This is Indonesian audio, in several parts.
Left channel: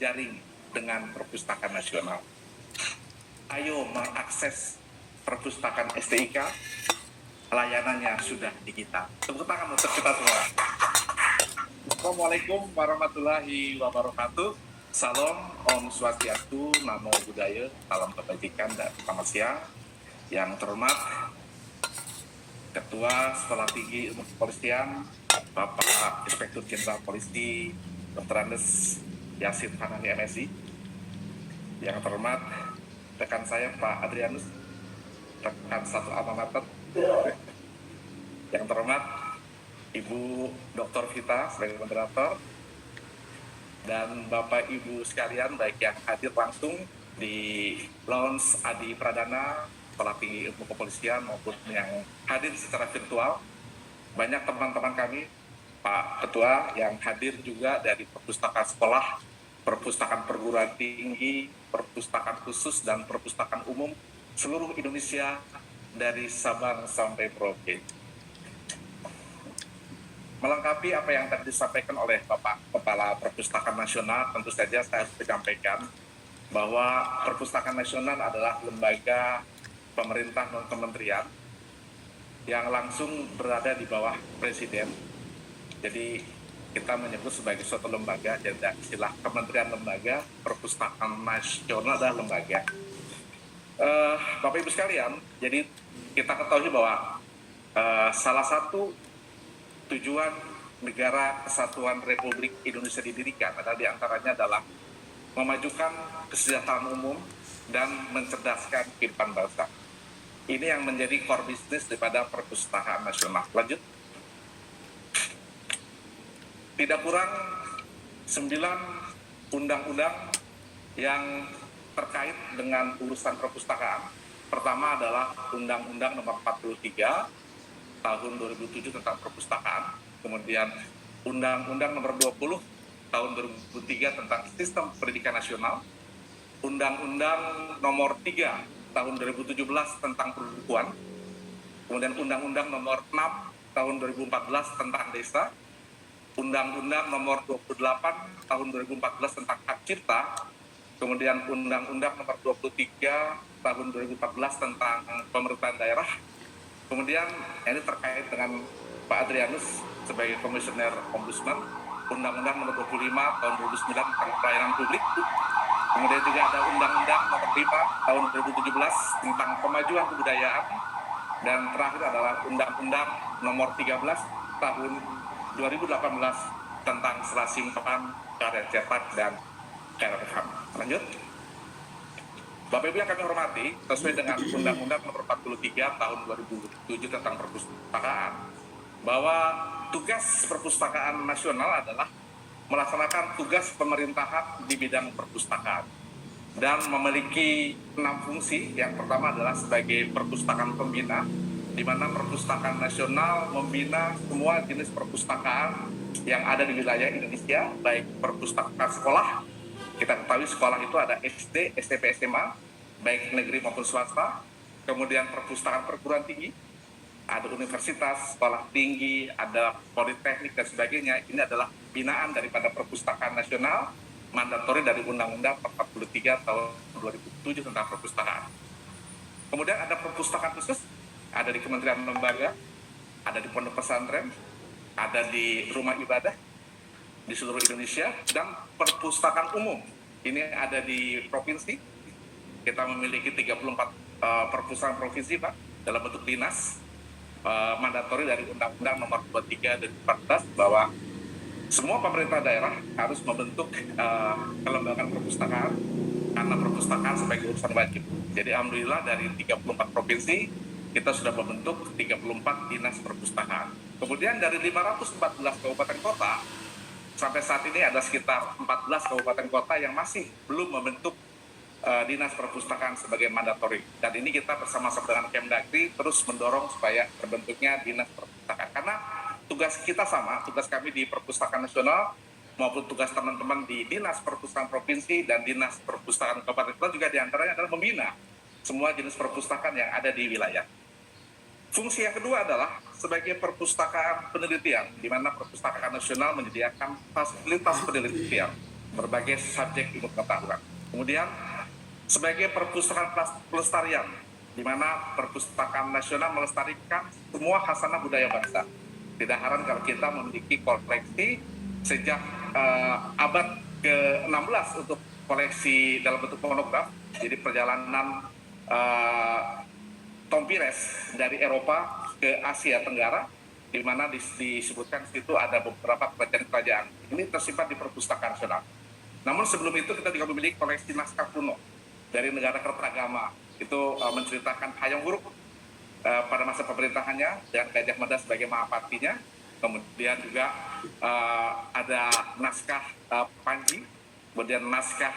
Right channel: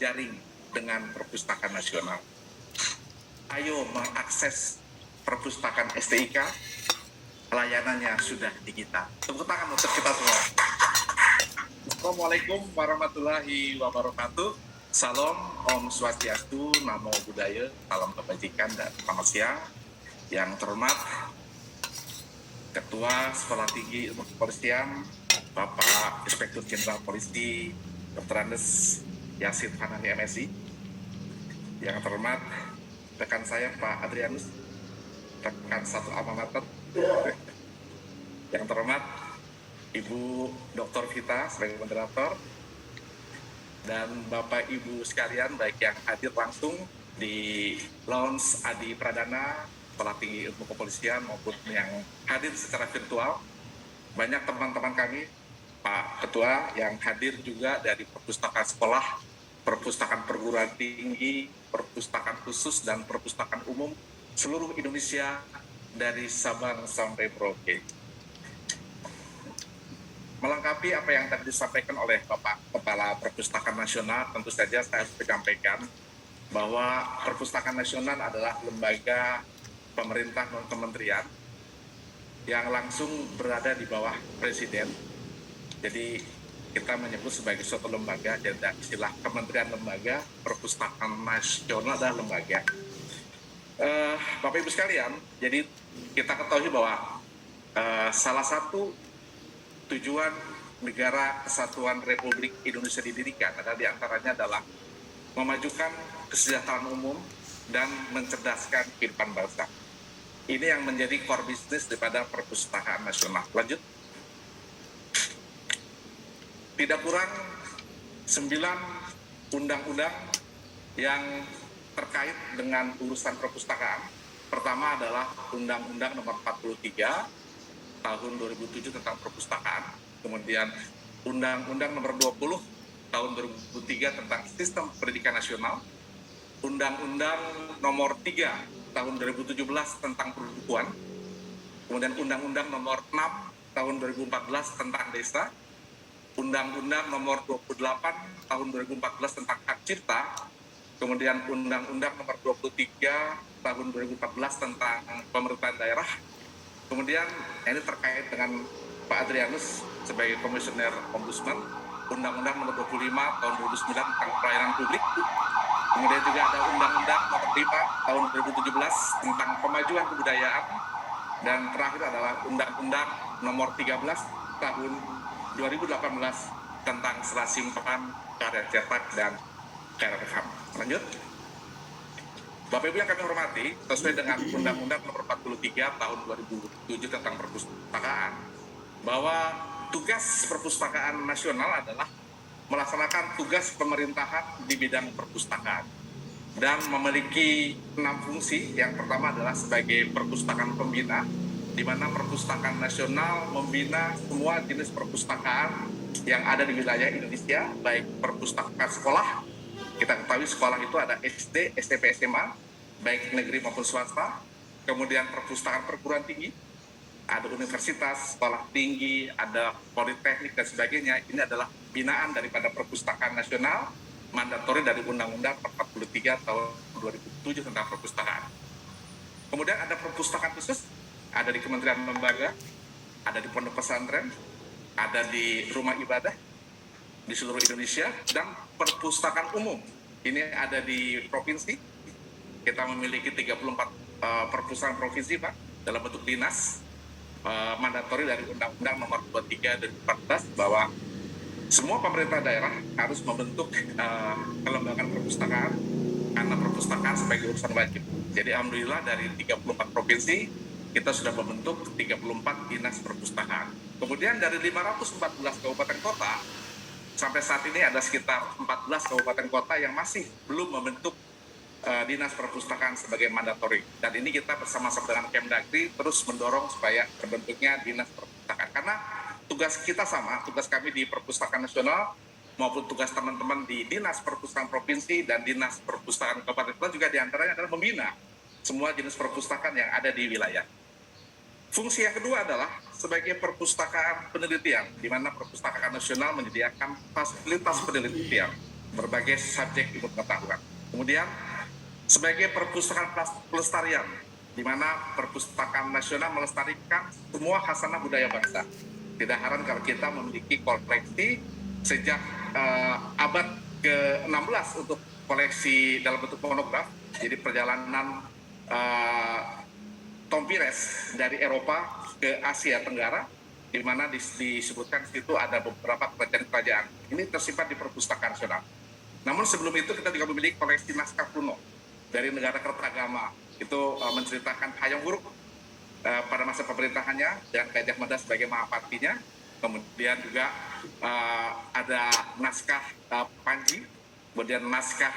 jaring dengan perpustakaan nasional. Ayo mengakses perpustakaan STIK, layanannya sudah digital. Tepuk tangan untuk kita semua. Assalamualaikum warahmatullahi wabarakatuh. Salam, Om Swastiastu, Namo Buddhaya, salam kebajikan dan selamat siang. Yang terhormat Ketua Sekolah Tinggi Ilmu Kepolisian, Bapak Inspektur Jenderal Polisi, Dr. Andes Yasin Hanafi MSI. Yang terhormat rekan saya Pak Adrianus, rekan satu alma mater. Yang terhormat Ibu Dr. Vita sebagai moderator, dan Bapak Ibu sekalian baik yang hadir langsung di Lounge Adi Pradana Sekolah Tinggi Ilmu Kepolisian maupun yang hadir secara virtual. Banyak teman-teman kami, Pak Ketua, yang hadir juga dari perpustakaan sekolah, perpustakaan perguruan tinggi, perpustakaan khusus, dan perpustakaan umum seluruh Indonesia dari Sabang sampai Merauke. Melengkapi apa yang tadi disampaikan oleh Bapak Kepala Perpustakaan Nasional, tentu saja saya harus menyampaikan bahwa Perpustakaan Nasional adalah lembaga pemerintah non-kementerian yang langsung berada di bawah Presiden. Jadi kita menyebut sebagai suatu lembaga, jadi istilah kementerian lembaga, Perpustakaan Nasional adalah lembaga. Bapak Ibu sekalian, jadi kita ketahui bahwa salah satu tujuan negara Kesatuan Republik Indonesia didirikan adalah diantaranya adalah memajukan kesejahteraan umum dan mencerdaskan kehidupan bangsa. Ini yang menjadi core business daripada Perpustakaan Nasional. Lanjut. Tidak kurang 9 undang-undang yang terkait dengan urusan perpustakaan. Pertama adalah Undang-Undang Nomor 43 Tahun 2007 tentang perpustakaan, kemudian Undang-Undang Nomor 20 Tahun 2003 tentang Sistem Pendidikan Nasional, Undang-Undang Nomor 3 Tahun 2017 tentang perbukuan, kemudian Undang-Undang Nomor 6 Tahun 2014 tentang desa, Undang-Undang Nomor 28 Tahun 2014 tentang hak cipta, kemudian Undang-Undang Nomor 23 Tahun 2014 tentang pemerintahan daerah. Kemudian ini terkait dengan Pak Adrianus sebagai Komisioner Ombudsman, Undang-Undang Nomor 25 Tahun 2009 tentang pelayanan publik. Kemudian juga ada Undang-Undang Nomor 5 Tahun 2017 tentang pemajuan kebudayaan. Dan terakhir adalah Undang-Undang Nomor 13 Tahun 2018 tentang serasi ungkapan karya cetak dan karya rekam. Lanjut. Bapak Ibu yang kami hormati, sesuai dengan Undang-Undang Nomor 43 Tahun 2007 tentang perpustakaan, bahwa tugas Perpustakaan Nasional adalah melaksanakan tugas pemerintahan di bidang perpustakaan dan memiliki 6 fungsi. Yang pertama adalah sebagai perpustakaan pembina, di mana Perpustakaan Nasional membina semua jenis perpustakaan yang ada di wilayah Indonesia, baik perpustakaan sekolah. Kita ketahui sekolah itu ada SD, SMP, SMA, baik negeri maupun swasta. Kemudian perpustakaan perguruan tinggi, ada universitas, sekolah tinggi, ada politeknik dan sebagainya. Ini adalah binaan daripada Perpustakaan Nasional, mandatori dari Undang-Undang 43 Tahun 2007 tentang perpustakaan. Kemudian ada perpustakaan khusus, ada di kementerian lembaga, ada di pondok pesantren, ada di rumah ibadah di seluruh Indonesia, dan perpustakaan umum. Ini ada di provinsi. Kita memiliki 34 perpustakaan provinsi, Pak, dalam bentuk dinas. Mandatori dari Undang-Undang Nomor 23 dan 14 bahwa semua pemerintah daerah harus membentuk kelembagaan perpustakaan, karena perpustakaan sebagai urusan wajib. Jadi alhamdulillah dari 34 provinsi kita sudah membentuk 34 dinas perpustakaan. Kemudian dari 514 kabupaten kota, sampai saat ini ada sekitar 14 kabupaten kota yang masih belum membentuk dinas perpustakaan sebagai mandatori. Dan ini kita bersama-sama dengan Kemdagri terus mendorong supaya terbentuknya dinas perpustakaan. Karena tugas kita sama, tugas kami di Perpustakaan Nasional maupun tugas teman-teman di Dinas Perpustakaan Provinsi dan Dinas Perpustakaan Kabupaten Kota juga diantaranya adalah membina semua jenis perpustakaan yang ada di wilayah. Fungsi yang kedua adalah sebagai perpustakaan penelitian, di mana Perpustakaan Nasional menyediakan fasilitas penelitian. berbagai subjek ilmu pengetahuan. Kemudian sebagai perpustakaan pelestarian, di mana perpustakaan nasional melestarikan semua khasanah budaya bangsa. Tidak heran kalau kita memiliki koleksi sejak abad ke-16 untuk koleksi dalam bentuk monograf. Jadi perjalanan Tom Pires dari Eropa ke Asia Tenggara, di mana disebutkan di situ ada beberapa kerajaan-kerajaan. Ini tersimpan di perpustakaan nasional. Namun sebelum itu kita juga memiliki koleksi naskah kuno dari negara Kertagama. Itu menceritakan Hayam Wuruk pada masa pemerintahannya dan Gajah Mada sebagai mahapatinya. Kemudian juga ada naskah Panji, kemudian naskah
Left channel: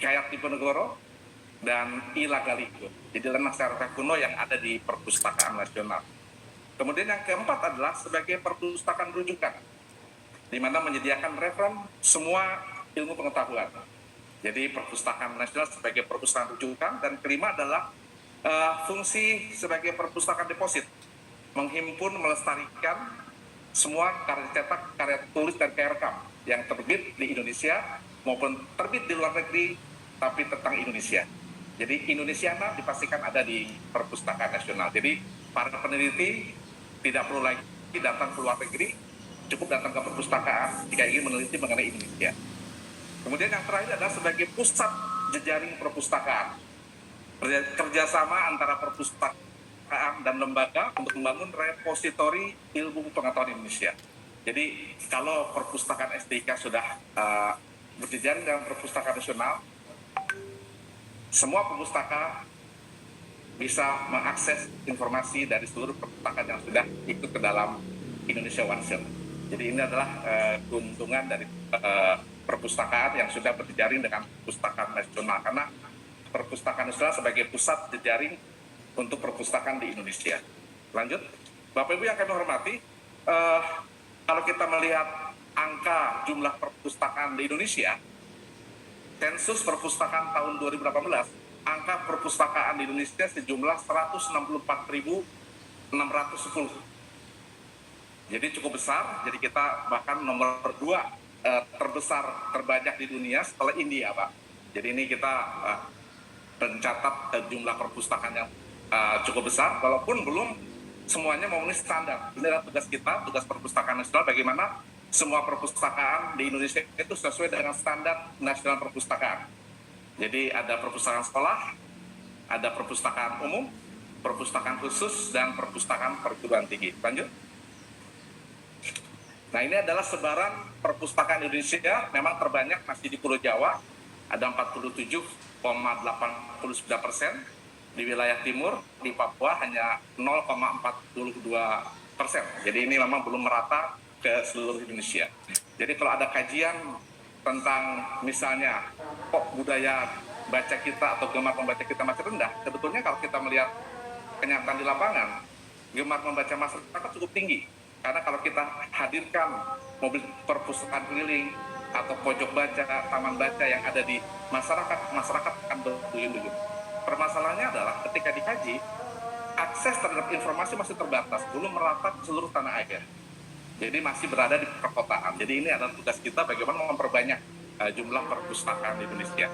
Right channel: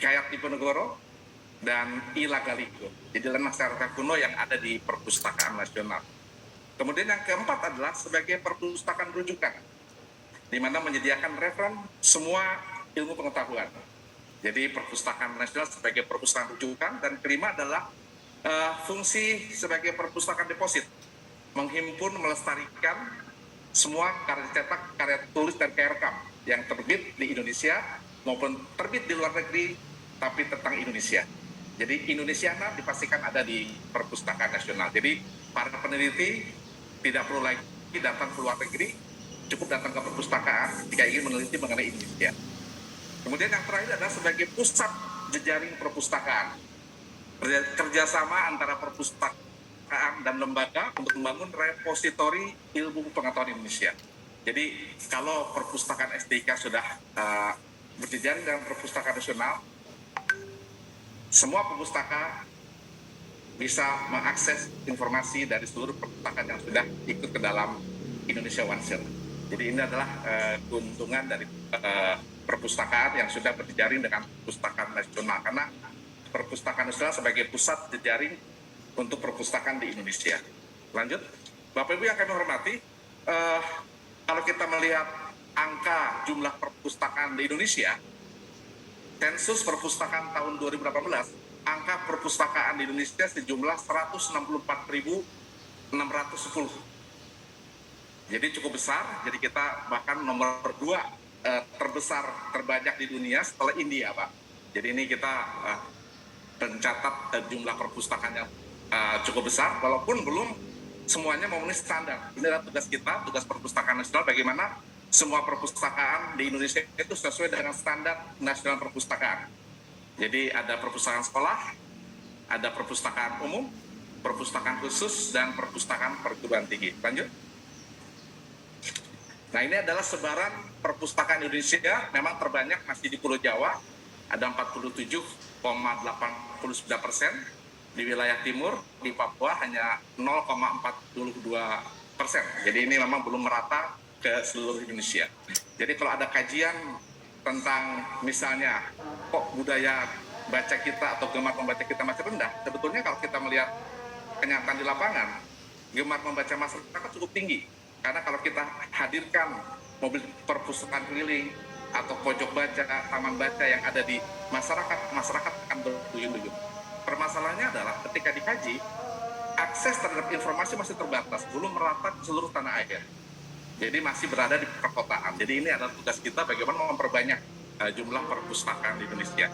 Kayak Diponegoro, dan Ila Galigo. Jadi naskah kuno yang ada di perpustakaan nasional. Kemudian yang keempat adalah sebagai perpustakaan rujukan, di mana menyediakan referen semua ilmu pengetahuan. Jadi perpustakaan nasional sebagai perpustakaan rujukan, dan kelima adalah fungsi sebagai perpustakaan deposit, menghimpun, melestarikan semua karya cetak, karya tulis, dan karya rekam yang terbit di Indonesia maupun terbit di luar negeri, tapi tentang Indonesia. Jadi Indonesiana dipastikan ada di perpustakaan nasional. Jadi para peneliti tidak perlu lagi datang ke luar negeri, cukup datang ke perpustakaan jika ingin meneliti mengenai Indonesia. Kemudian yang terakhir adalah sebagai pusat jejaring perpustakaan, kerjasama antara perpustakaan dan lembaga untuk membangun repositori ilmu pengetahuan Indonesia. Jadi kalau perpustakaan SDIK sudah berjejaring dengan perpustakaan nasional, semua pustaka bisa mengakses informasi dari seluruh perpustakaan yang sudah ikut ke dalam Indonesia OneShare. Jadi ini adalah keuntungan dari perpustakaan yang sudah berjejaring dengan perpustakaan nasional, karena perpustakaan nasional sebagai pusat jejaring untuk perpustakaan di Indonesia. Lanjut, Bapak Ibu yang kami hormati, kalau kita melihat angka jumlah perpustakaan di Indonesia, sensus perpustakaan tahun 2018, angka perpustakaan di Indonesia sejumlah 164.610. Jadi cukup besar, jadi kita bahkan nomor 2 terbesar, terbanyak di dunia setelah India, Pak. Jadi ini kita mencatat jumlah perpustakaan yang cukup besar, walaupun belum semuanya memenuhi standar. Ini adalah tugas kita, tugas perpustakaan nasional, bagaimana semua perpustakaan di Indonesia itu sesuai dengan standar nasional perpustakaan. Jadi ada perpustakaan sekolah, ada perpustakaan umum, perpustakaan khusus, dan perpustakaan perguruan tinggi. Lanjut. Nah, ini adalah sebaran perpustakaan Indonesia, memang terbanyak masih di Pulau Jawa, ada 47,89%, di wilayah timur, di Papua hanya 0,42%. Jadi ini memang belum merata ke seluruh Indonesia. Jadi kalau ada kajian tentang misalnya kok budaya baca kita atau gemar membaca kita masih rendah, sebetulnya kalau kita melihat kenyataan di lapangan, gemar membaca masyarakat cukup tinggi. Karena kalau kita hadirkan mobil perpustakaan keliling atau pojok baca, taman baca yang ada di masyarakat, masyarakat akan berduyun-duyun. Permasalahannya adalah ketika dikaji, akses terhadap informasi masih terbatas, belum merata ke seluruh tanah air. Jadi masih berada di perkotaan. Jadi ini adalah tugas kita bagaimana memperbanyak jumlah perpustakaan di Indonesia.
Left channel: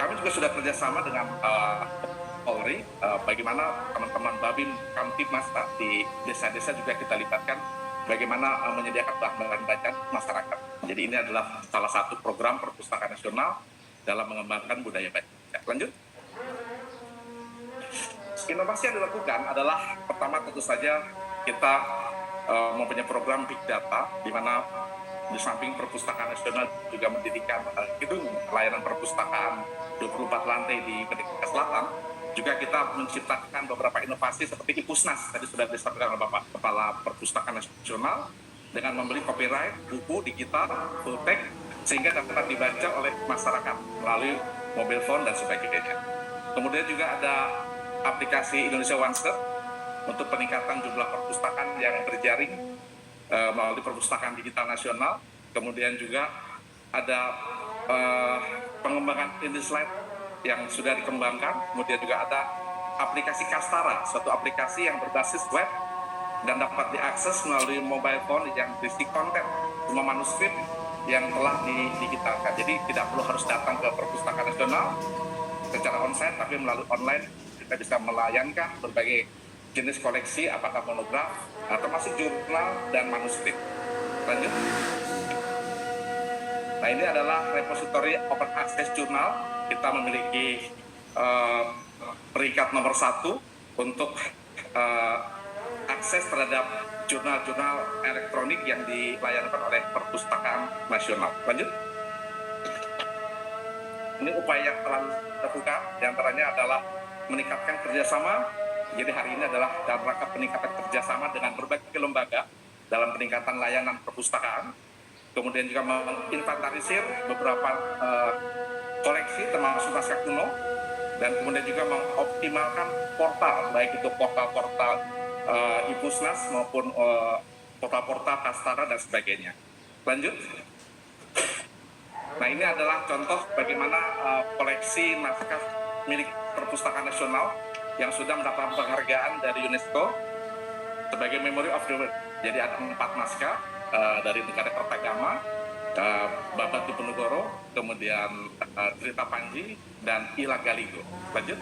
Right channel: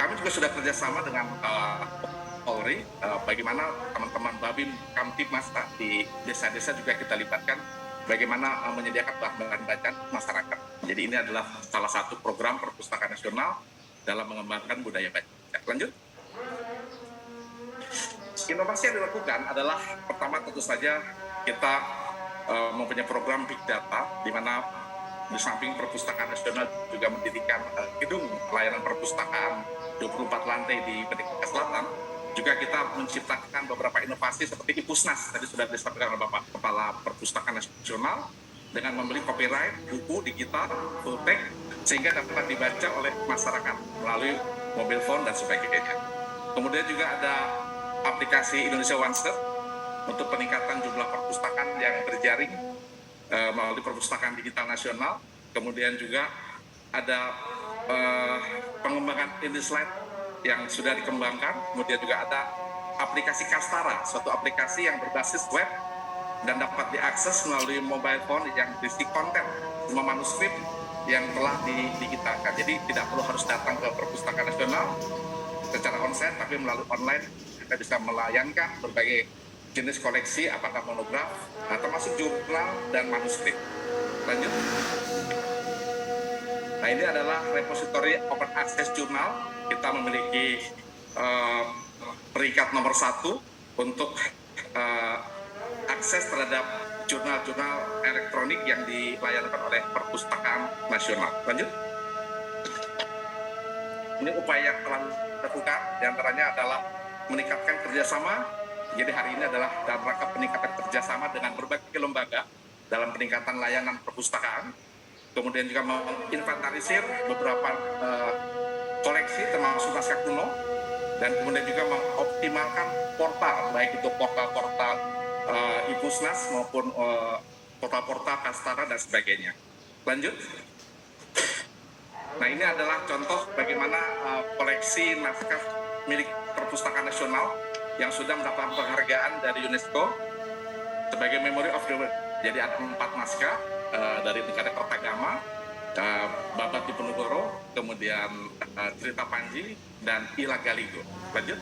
Kami juga sudah kerjasama dengan Polri, bagaimana teman-teman Babim Kamtibmas di desa-desa juga kita libatkan, bagaimana menyediakan bahan bacaan masyarakat. Jadi ini adalah salah satu program perpustakaan nasional dalam mengembangkan budaya baca. Lanjut. Inovasi yang dilakukan adalah pertama tentu saja kita mempunyai program Big Data, di mana di samping perpustakaan nasional juga mendirikan gedung pelayanan perpustakaan 24 lantai di Merdeka Selatan. Juga kita menciptakan beberapa inovasi seperti Ipusnas, tadi sudah disampaikan oleh Bapak Kepala Perpustakaan Nasional, dengan membeli copyright buku digital full text sehingga dapat dibaca oleh masyarakat melalui mobile phone dan sebagainya. Kemudian juga ada aplikasi Indonesia OneShare untuk peningkatan jumlah perpustakaan yang berjaring melalui perpustakaan digital nasional. Kemudian juga ada pengembangan IndiSlide yang sudah dikembangkan. Kemudian juga ada aplikasi Kastara, suatu aplikasi yang berbasis web dan dapat diakses melalui mobile phone yang berisi konten, semua manuskrip yang telah digitalkan. Jadi tidak perlu harus datang ke Perpustakaan Nasional secara onsite, tapi melalui online kita bisa melayangkan berbagai jenis koleksi, apakah monograf, termasuk jurnal dan manuskrip. Lanjut. Nah, ini adalah repository open access jurnal. Kita memiliki peringkat nomor 1 untuk akses terhadap jurnal-jurnal elektronik yang dilayangkan oleh Perpustakaan Nasional. Lanjut. Ini upaya yang telah dilakukan, diantaranya adalah meningkatkan kerjasama. Jadi hari ini adalah dalam rangka peningkatan kerjasama dengan berbagai lembaga dalam peningkatan layanan perpustakaan. Kemudian juga menginventarisir beberapa koleksi termasuk naskah kuno, dan kemudian juga mengoptimalkan portal, baik itu portal-portal Ipusnas maupun portal-portal Kastara dan sebagainya. Lanjut. Nah, ini adalah contoh bagaimana koleksi naskah milik Perpustakaan Nasional yang sudah mendapatkan penghargaan dari UNESCO sebagai Memory of the World. Jadi ada 4 naskah dari negara Kertagama, Babat Diponegoro, kemudian Cerita Panji, dan Ila Galigo. Lanjut.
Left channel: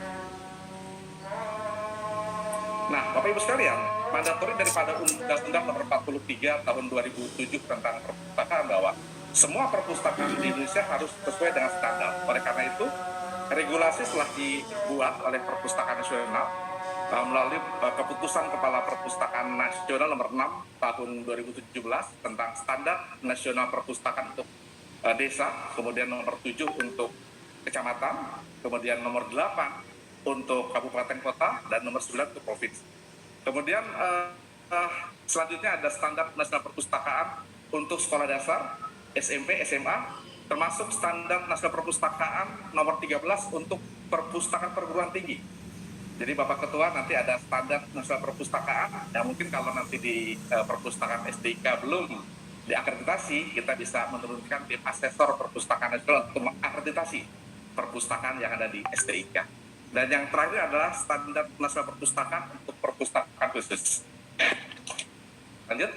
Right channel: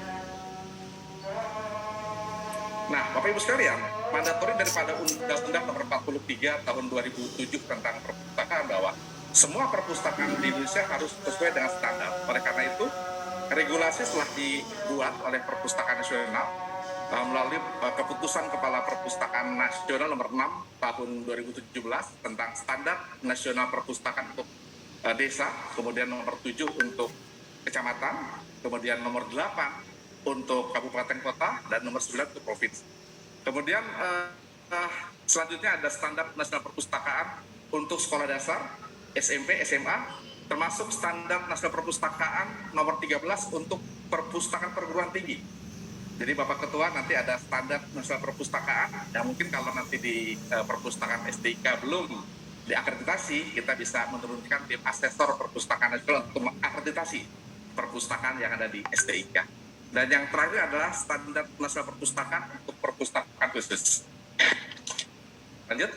Nah, Bapak Ibu sekalian, mandatori daripada Undang-Undang Nomor 43 Tahun 2007 tentang perpustakaan bahwa semua perpustakaan di Indonesia harus sesuai dengan standar. Oleh karena itu, regulasi telah dibuat oleh Perpustakaan Nasional melalui keputusan Kepala Perpustakaan Nasional Nomor 6 Tahun 2017 tentang Standar Nasional Perpustakaan untuk Desa, kemudian Nomor 7 untuk Kecamatan, kemudian Nomor 8 untuk Kabupaten Kota, dan Nomor 9 untuk Provinsi. Kemudian selanjutnya ada Standar Nasional Perpustakaan untuk Sekolah Dasar, SMP, SMA, termasuk Standar Nasional Perpustakaan Nomor 13 untuk Perpustakaan Perguruan Tinggi. Jadi Bapak Ketua nanti ada Standar Nasional Perpustakaan, ya mungkin kalau nanti di Perpustakaan SDIK belum diakreditasi, kita bisa menurunkan tim asesor Perpustakaan Nasional untuk mengakreditasi perpustakaan yang ada di SDIK. Dan yang terakhir adalah Standar Nasional Perpustakaan untuk perpustakaan khusus. Lanjut.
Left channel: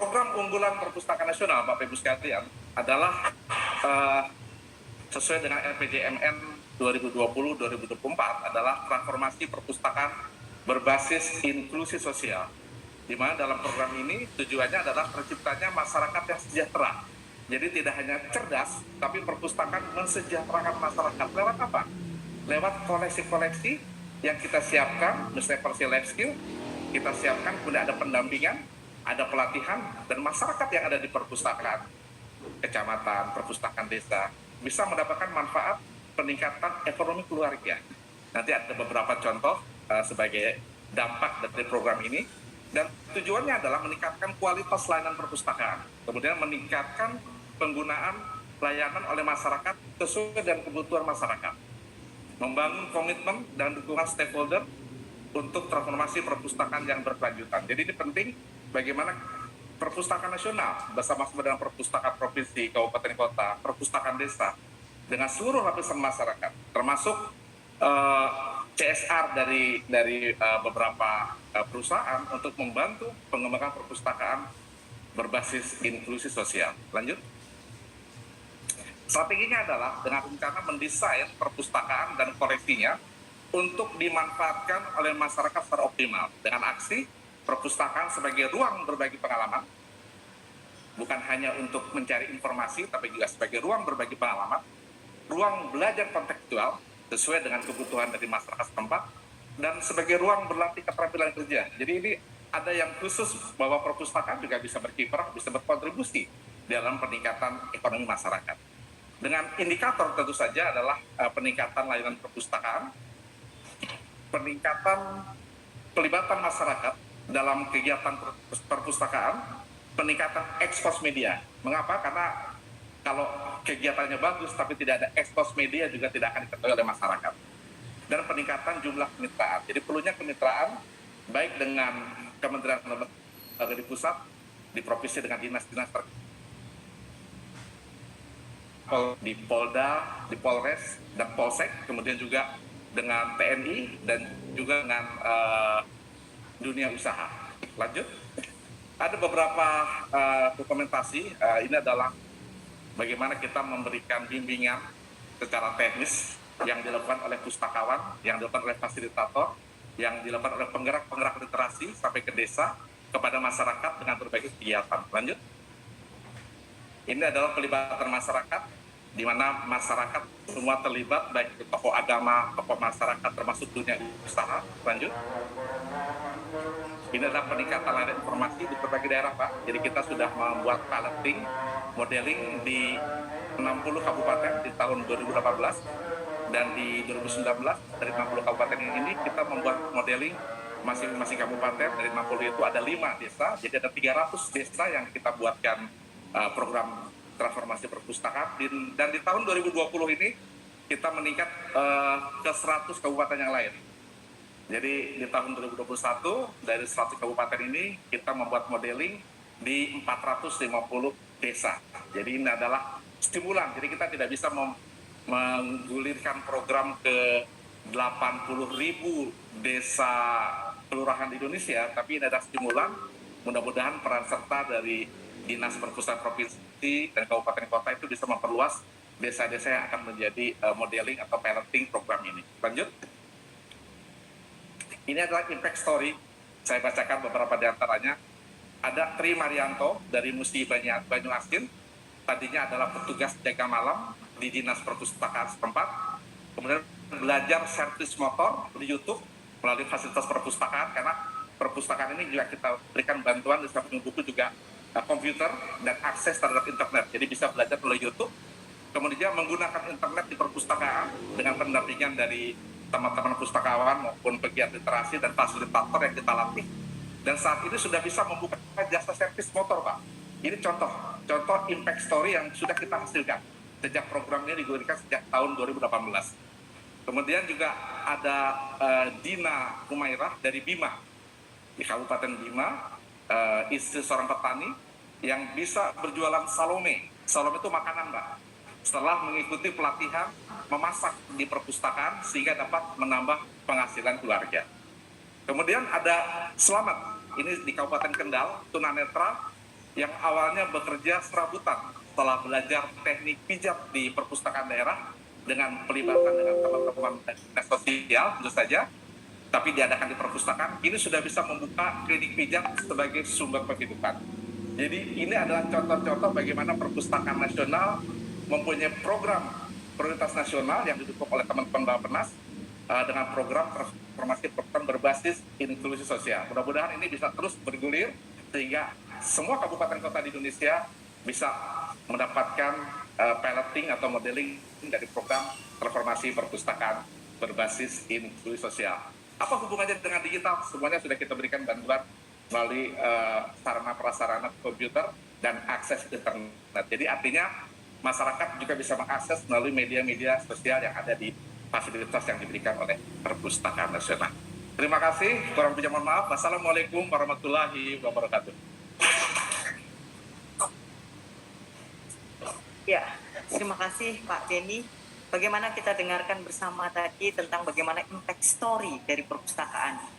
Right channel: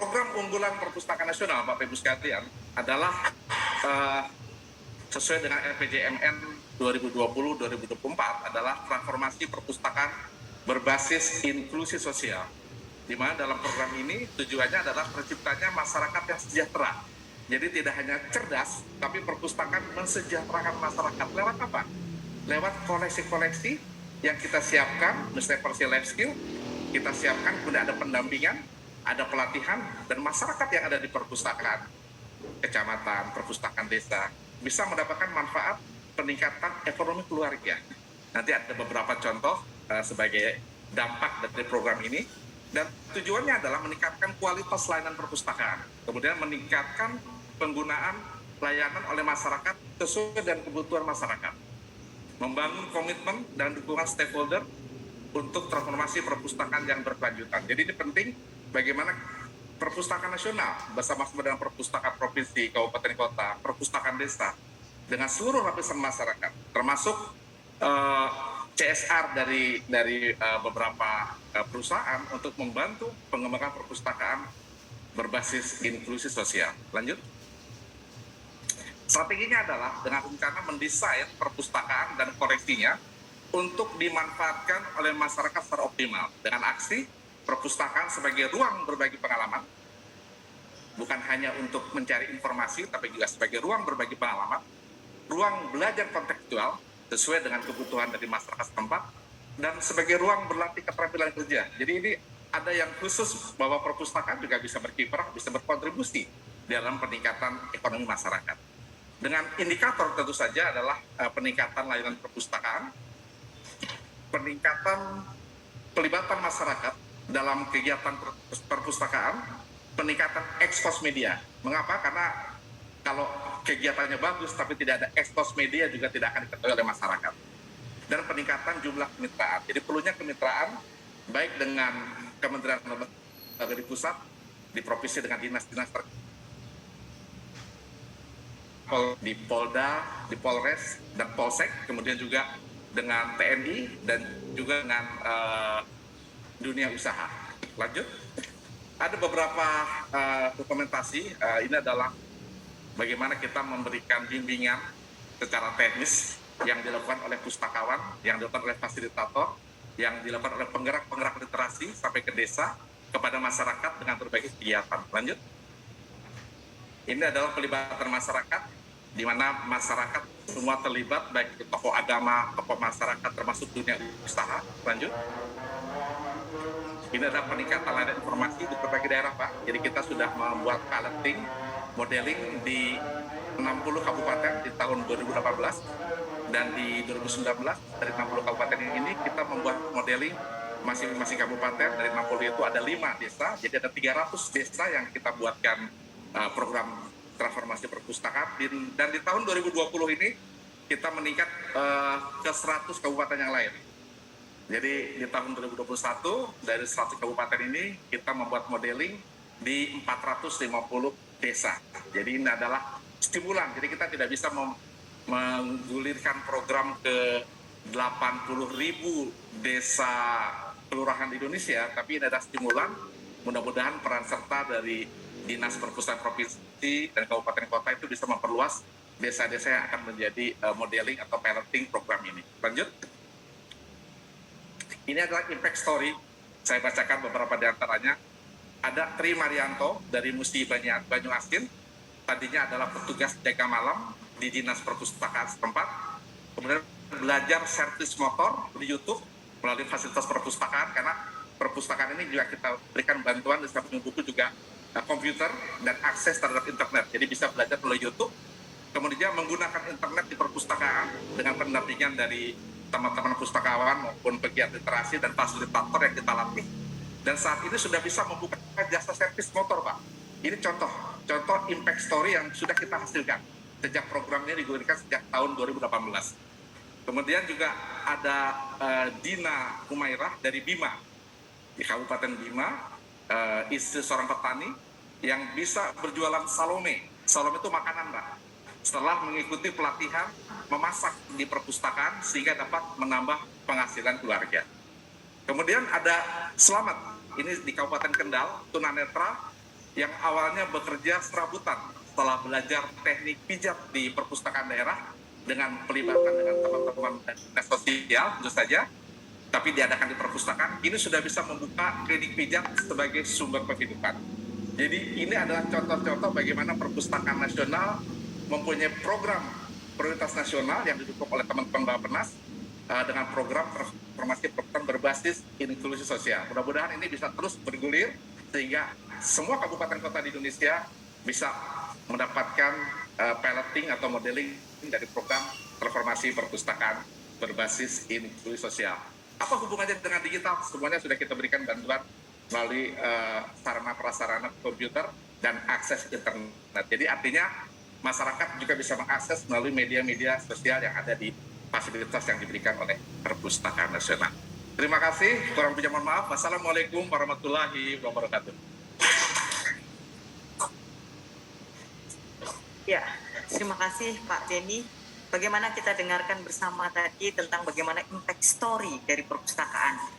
Program unggulan Perpustakaan Nasional, Bapak Ibu sekalian, adalah sesuai dengan RPJMN 2020-2024 adalah transformasi perpustakaan berbasis inklusi sosial, di mana dalam program ini tujuannya adalah terciptanya masyarakat yang sejahtera. Jadi tidak hanya cerdas, tapi perpustakaan mensejahterakan masyarakat. Lewat apa? Lewat koleksi-koleksi yang kita siapkan, misalnya partial life skill, kita siapkan, kemudian ada pendampingan, ada pelatihan, dan masyarakat yang ada di perpustakaan kecamatan, perpustakaan desa, bisa mendapatkan manfaat peningkatan ekonomi keluarga. Nanti ada beberapa contoh sebagai dampak dari program ini, dan tujuannya adalah meningkatkan kualitas layanan perpustakaan, kemudian meningkatkan penggunaan layanan oleh masyarakat sesuai dengan kebutuhan masyarakat, membangun komitmen dan dukungan stakeholder untuk transformasi perpustakaan yang berkelanjutan. Jadi ini penting bagaimana Perpustakaan Nasional bersama-sama dengan Perpustakaan Provinsi, Kabupaten Kota, Perpustakaan Desa, dengan seluruh lapisan masyarakat, termasuk CSR dari beberapa perusahaan untuk membantu pengembangan perpustakaan berbasis inklusi sosial. Lanjut. Strateginya adalah dengan rencana mendesain perpustakaan dan koleksinya untuk dimanfaatkan oleh masyarakat secara optimal dengan aksi perpustakaan sebagai ruang berbagi pengalaman, bukan hanya untuk mencari informasi, tapi juga sebagai ruang berbagi pengalaman, ruang belajar kontekstual sesuai dengan kebutuhan dari masyarakat setempat, dan sebagai ruang berlatih keterampilan kerja. Jadi ini ada yang khusus bahwa perpustakaan juga bisa berkiprah, bisa berkontribusi dalam peningkatan ekonomi masyarakat. Dengan indikator tentu saja adalah peningkatan layanan perpustakaan, peningkatan pelibatan masyarakat dalam kegiatan perpustakaan, peningkatan ekspos media. Mengapa? Karena kalau kegiatannya bagus tapi tidak ada ekspos media juga tidak akan diketahui oleh masyarakat. Dan peningkatan jumlah kemitraan. Jadi perlunya kemitraan baik dengan Kementerian Lembaga di pusat, di provinsi dengan dinas-dinas di Polda, di Polres, dan Polsek, kemudian juga dengan TNI dan juga dengan dunia usaha. Lanjut. Ada beberapa dokumentasi, ini adalah bagaimana kita memberikan bimbingan secara teknis yang dilakukan oleh pustakawan, yang dilakukan oleh fasilitator, yang dilakukan oleh penggerak-penggerak literasi sampai ke desa kepada masyarakat dengan berbagai kegiatan. Lanjut. Ini adalah pelibatan masyarakat, di mana masyarakat semua terlibat, baik itu tokoh agama, tokoh masyarakat, termasuk dunia usaha. Lanjut. Ini adalah peningkatan layanan informasi di berbagai daerah, Pak. Jadi kita sudah membuat piloting, modeling di 60 kabupaten di tahun 2018, dan di 2019 dari 60 kabupaten ini kita membuat modeling masing-masing kabupaten. Dari 60 itu ada 5 desa, jadi ada 300 desa yang kita buatkan program transformasi perpustakaan. Dan di tahun 2020 ini kita meningkat ke 100 kabupaten yang lain. Jadi di tahun 2021 dari 100 kabupaten ini kita membuat modeling di 450 desa. Jadi ini adalah stimulan. Jadi kita tidak bisa menggulirkan program ke 80.000 desa kelurahan di Indonesia, tapi ini adalah stimulan. Mudah-mudahan peran serta dari Dinas Perpustakaan Provinsi dan Kabupaten Kota itu bisa memperluas desa-desa yang akan menjadi modeling atau piloting program ini. Lanjut. Ini adalah impact story. Saya bacakan beberapa di antaranya. Ada Tri Marianto dari Musi Banyuasin. Tadinya adalah petugas jaga malam di Dinas Perpustakaan setempat. Kemudian belajar servis motor di YouTube melalui fasilitas perpustakaan, karena perpustakaan ini juga kita berikan bantuan di samping buku juga komputer dan akses terhadap internet. Jadi bisa belajar melalui YouTube. Kemudian menggunakan internet di perpustakaan dengan pendampingan dari teman-teman pustakawan maupun pegiat literasi dan fasilitator yang kita latih. Dan saat ini sudah bisa membuka jasa servis motor, Pak. Ini contoh impact story yang sudah kita hasilkan sejak programnya digulirkan sejak tahun 2018. Kemudian juga ada Dina Humairah dari Bima, di Kabupaten Bima, istri seorang petani yang bisa berjualan salome. Salome itu makanan, Mbak. Setelah mengikuti pelatihan memasak di perpustakaan sehingga dapat menambah penghasilan keluarga. Kemudian ada Selamat, ini di Kabupaten Kendal, tunanetra yang awalnya bekerja serabutan setelah belajar teknik pijat di perpustakaan daerah dengan pelibatan dengan teman-teman dinas sosial tentu saja, tapi diadakan di perpustakaan. Ini sudah bisa membuka klinik pijat sebagai sumber penghidupan. Jadi ini adalah contoh-contoh bagaimana perpustakaan nasional mempunyai program prioritas nasional yang didukung oleh teman-teman Bappenas dengan program transformasi perpustakaan berbasis inklusi sosial. Mudah-mudahan ini bisa terus bergulir sehingga semua kabupaten kota di Indonesia bisa mendapatkan piloting atau modeling dari program transformasi perpustakaan berbasis inklusi sosial. Apa hubungannya dengan digital? Semuanya sudah kita berikan bantuan melalui sarana prasarana komputer dan akses internet. Jadi artinya masyarakat juga bisa mengakses melalui media-media sosial yang ada di fasilitas yang diberikan oleh Perpustakaan Nasional. Terima kasih, kurang lebihnya mohon maaf. Wassalamualaikum warahmatullahi wabarakatuh. Ya, terima kasih Pak Beni. Bagaimana kita dengarkan bersama tadi tentang bagaimana impact story dari perpustakaan.